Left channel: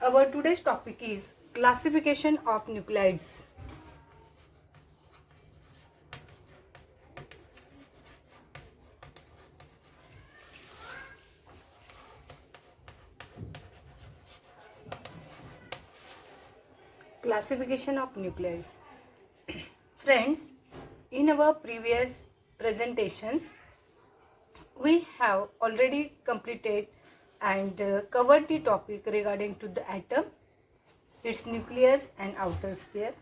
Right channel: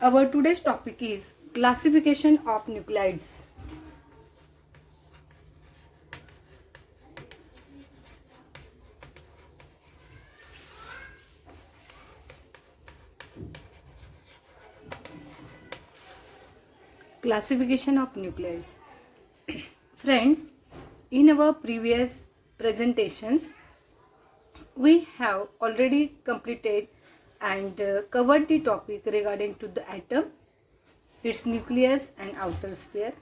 Our today's topic is classification of nuclides. Classification of nuclides. Friends, in our previous presentations, we have already completed and covered the topic regarding to the atom, its nucleus and outer sphere,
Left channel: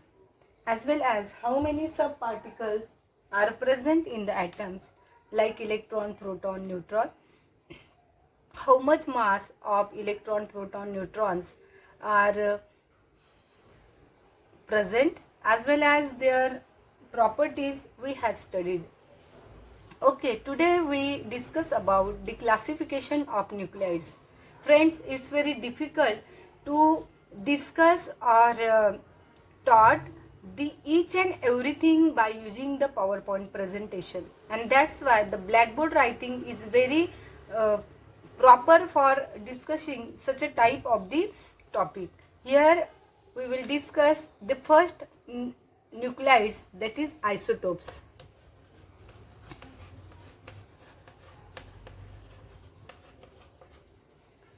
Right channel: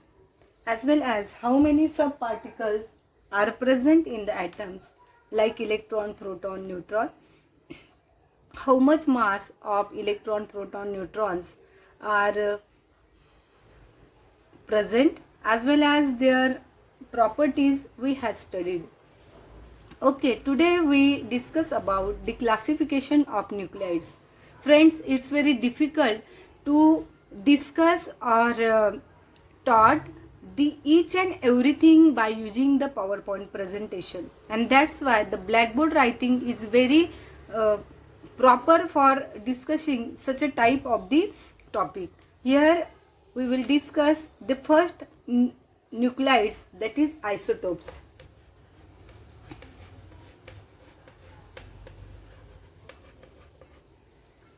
as well as how many subparticles are present in the atoms like electron, proton, neutron, how much mass of electron, proton, neutrons are present, as well as their properties we have studied. Okay, today we discuss about the classification of nuclides. Friends, it's very difficult to discuss or taught the each and everything by using the PowerPoint presentation, and that's why the blackboard writing is very proper for discussing such a type of the topic. Here we will discuss the first nuclides, that is isotopes.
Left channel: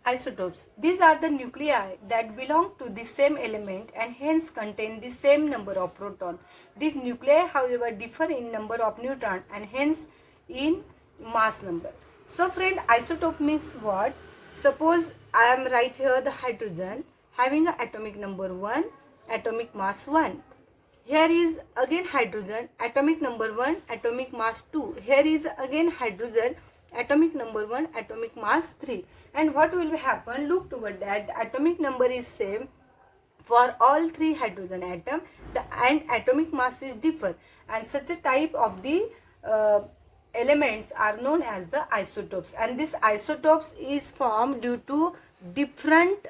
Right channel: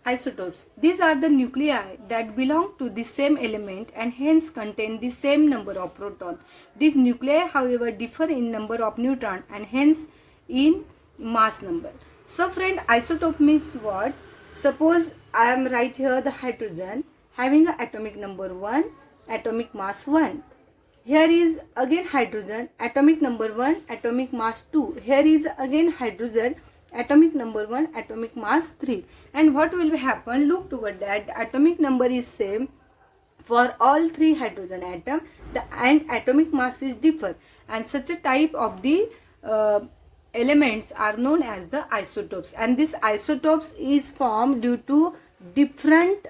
Isotopes. These are the nuclei that belong to the same element and hence contain the same number of protons. These nuclei, however, differ in number of neutrons and hence in mass number. So friend, isotope means what? Suppose I am right here the hydrogen having a atomic number 1, atomic mass 1. Here is again hydrogen, atomic number 1, atomic mass 2. Here is again hydrogen, atomic number 1, atomic mass 3. And what will happen? Look toward that. The atomic number is same for all 3 hydrogen atom, and atomic mass is differ. And such a type of the elements are known as the isotopes. And this isotopes is formed due to different,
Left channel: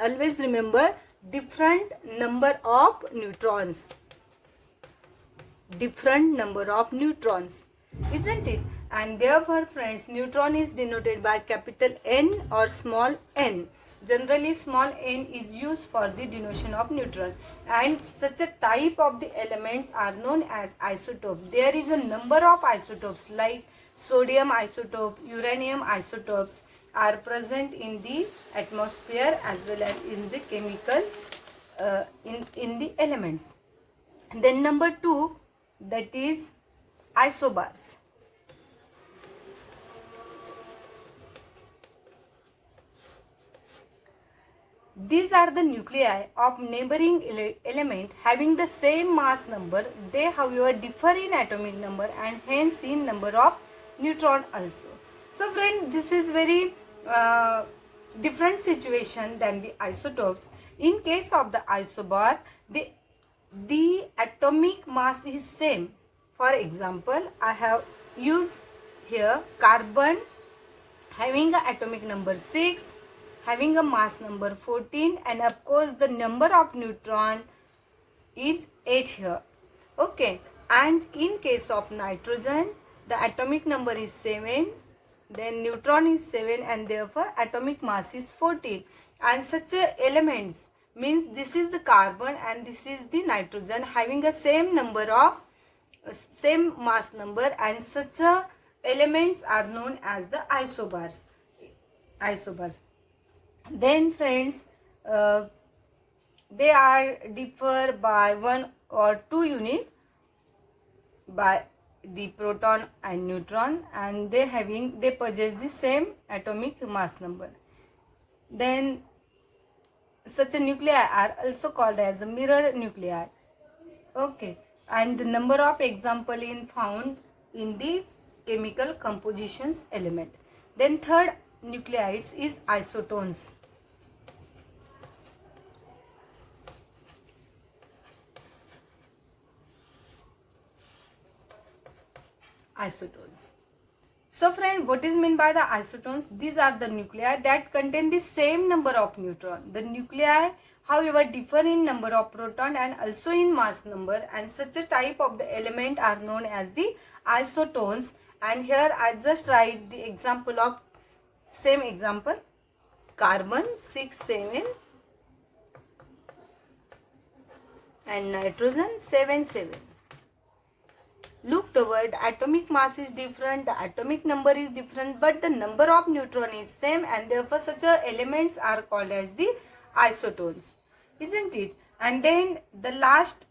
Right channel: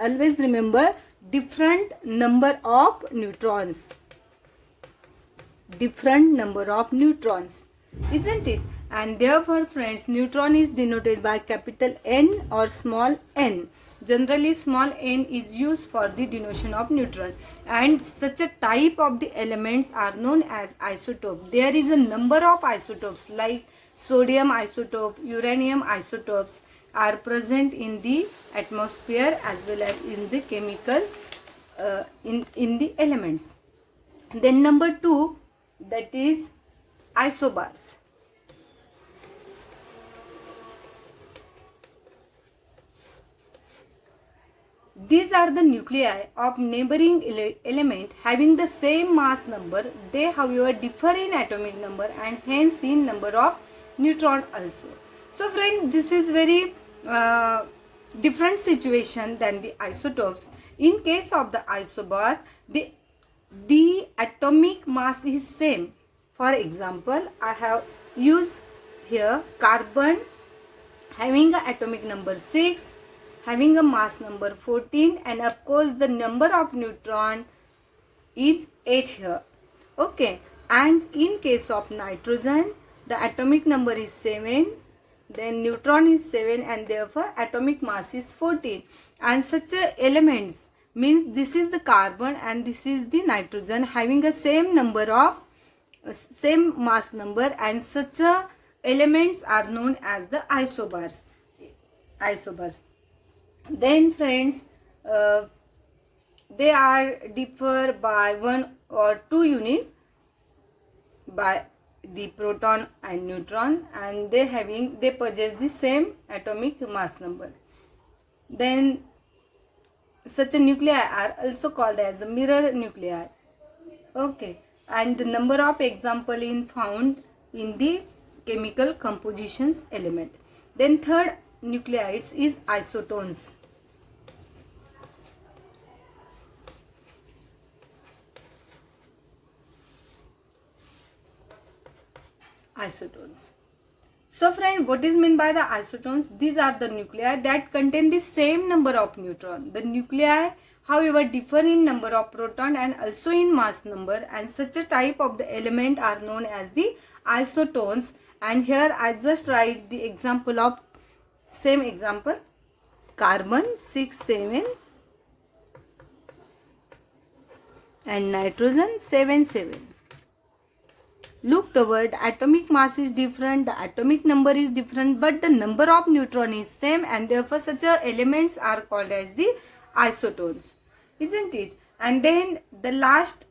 always remember, different number of neutrons. Different number of neutrons, isn't it? And therefore friends, neutron is denoted by capital N or small n. Generally small n is used for the denotation of neutron, and such a type of the elements are known as isotope. There is a number of isotopes like sodium isotope, uranium isotopes are present in the atmosphere as well as in the chemical in the elements. Then number 2, that is isobars. These are the nuclei of neighboring element having the same mass number. They however differ in atomic number and hence in number of neutron also. So friend, this is very different situation than the isotopes. In case of the isobar, the atomic mass is same. For example, I have used here carbon having an atomic number 6, having a mass number 14, and of course the number of neutron is 8 here. Okay, and in case of nitrogen, the atomic number is 7, then neutron is 7, and therefore atomic mass is 14. And such elements means this is the carbon and this is the nitrogen having a same number of same mass number, and such elements are known as the isobars. Then friends, they are differ by 1 or 2 unit by the proton and neutron, and they possess the same atomic mass number. Then such a nuclei are also called as the mirror nuclei. Okay, and the number of example in found in the chemical compositions element. Then third nucleides is isotones. Isotones. So friend, what is meant by the isotones? These are the nuclei that contain the same number of neutrons. The nuclei however differ in number of proton and also in mass number, and such a type of the element are known as the isotones. And here I just write the example of same example, carbon 6, 7, and nitrogen 7. Look toward atomic mass is different, the atomic number is different, but the number of neutron is same, and therefore such elements are called as the isotones, isn't it? And then the last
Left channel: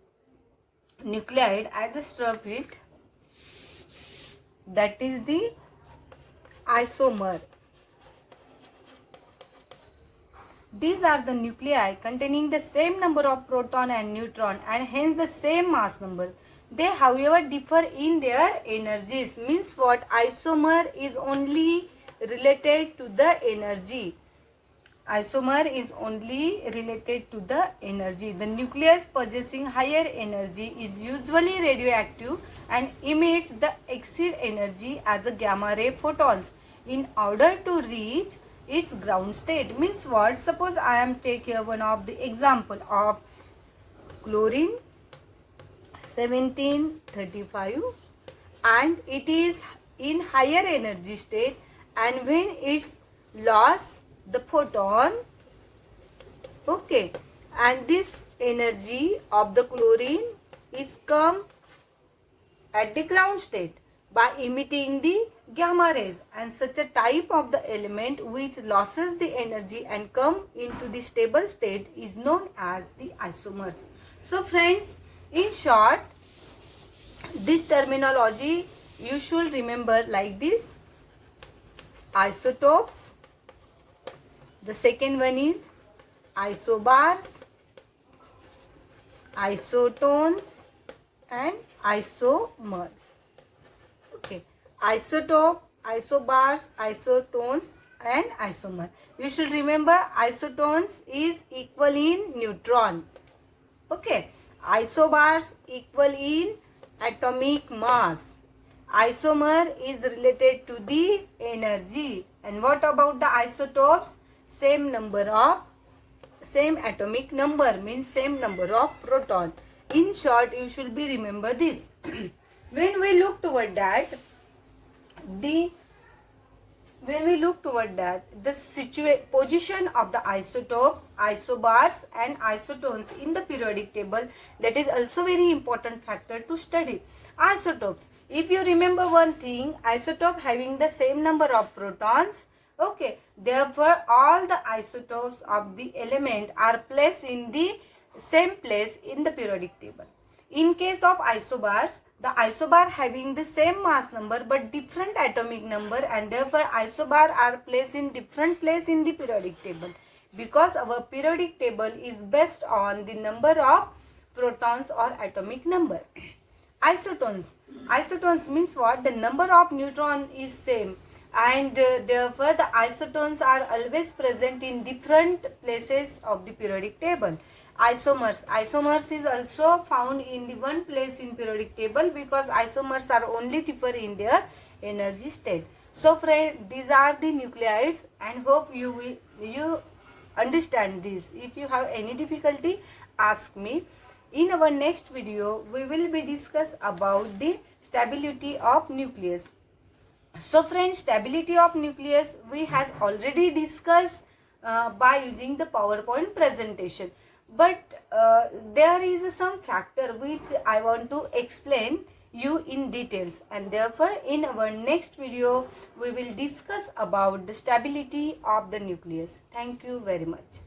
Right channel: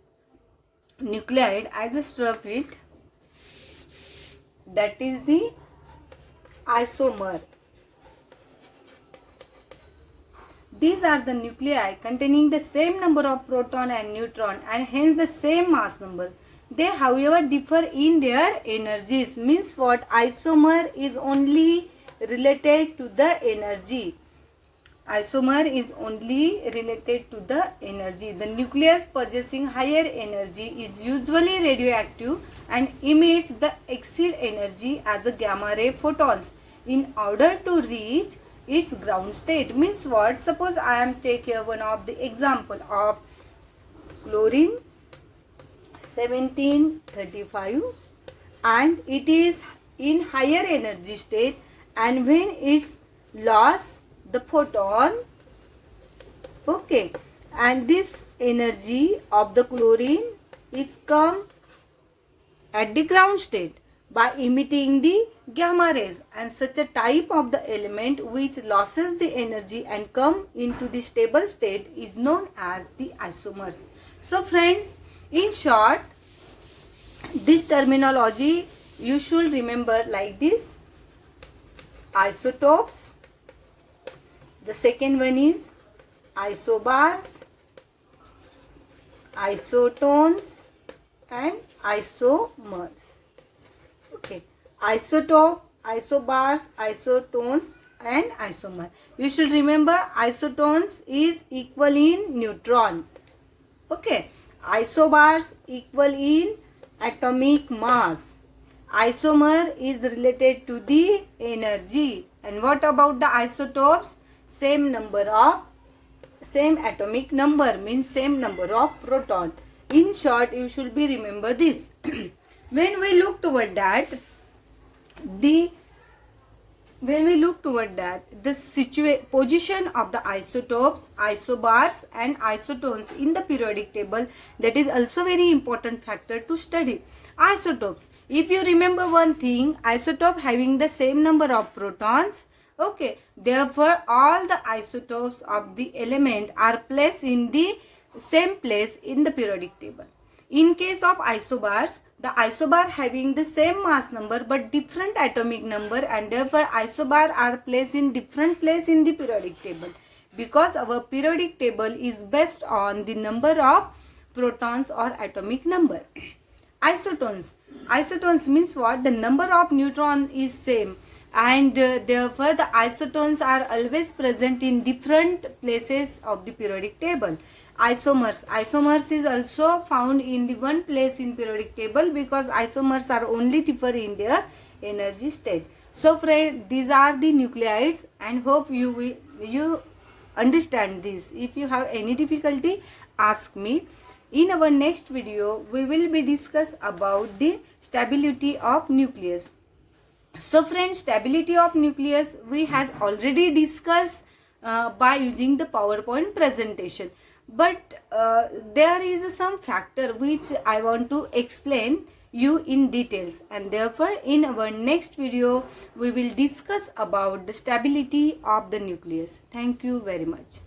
nuclide, I just drop it, that is the isomer. These are the nuclei containing the same number of proton and neutron and hence the same mass number. They however differ in their energies. Means what? Isomer is only related to the energy. Isomer is only related to the energy. The nucleus possessing higher energy is usually radioactive and emits the exceed energy as a gamma ray photons in order to reach its ground state. Means what? Suppose I am taking one of the example of chlorine 1735 and it is in higher energy state, and when it's lost the photon, okay, and this energy of the chlorine is come at the ground state by emitting the gamma rays, and such a type of the element which loses the energy and come into the stable state is known as the isomers. So friends, in short, this terminology you should remember like this: isotopes, the second one is isobars, isotones and isomers. Okay, isotope, isobars, isotones and isomer. You should remember isotones is equal in neutron. Okay, isobars equal in atomic mass. Isomer is related to the energy. And what about the isotopes? Same atomic number, means same number of proton. In short, you should be remember this. When we look toward that, the position of the isotopes, isobars and isotones in the periodic table, that is also very important factor to study. Isotopes, if you remember one thing, isotope having the same number of protons, okay, therefore all the isotopes of the element are placed in the same place in the periodic table. In case of isobars, the isobar having the same mass number but different atomic number, and therefore isobar are placed in different place in the periodic table, because our periodic table is based on the number of protons or atomic number. Isotones means what? The number of neutron is same, and therefore the isotones are always present in different places of the periodic table. Isomers is also found in the one place in periodic table, because isomers are only differ in their energy state. So friends, these are the nucleides, and hope you understand this. If you have any difficulty, ask me. In our next video, we will be discuss about the stability of nucleus. So friends, stability of nucleus we has already discussed by using the PowerPoint presentation. But there is some factor which I want to explain you in details, and therefore in our next video we will discuss about the stability of the nucleus. Thank you very much.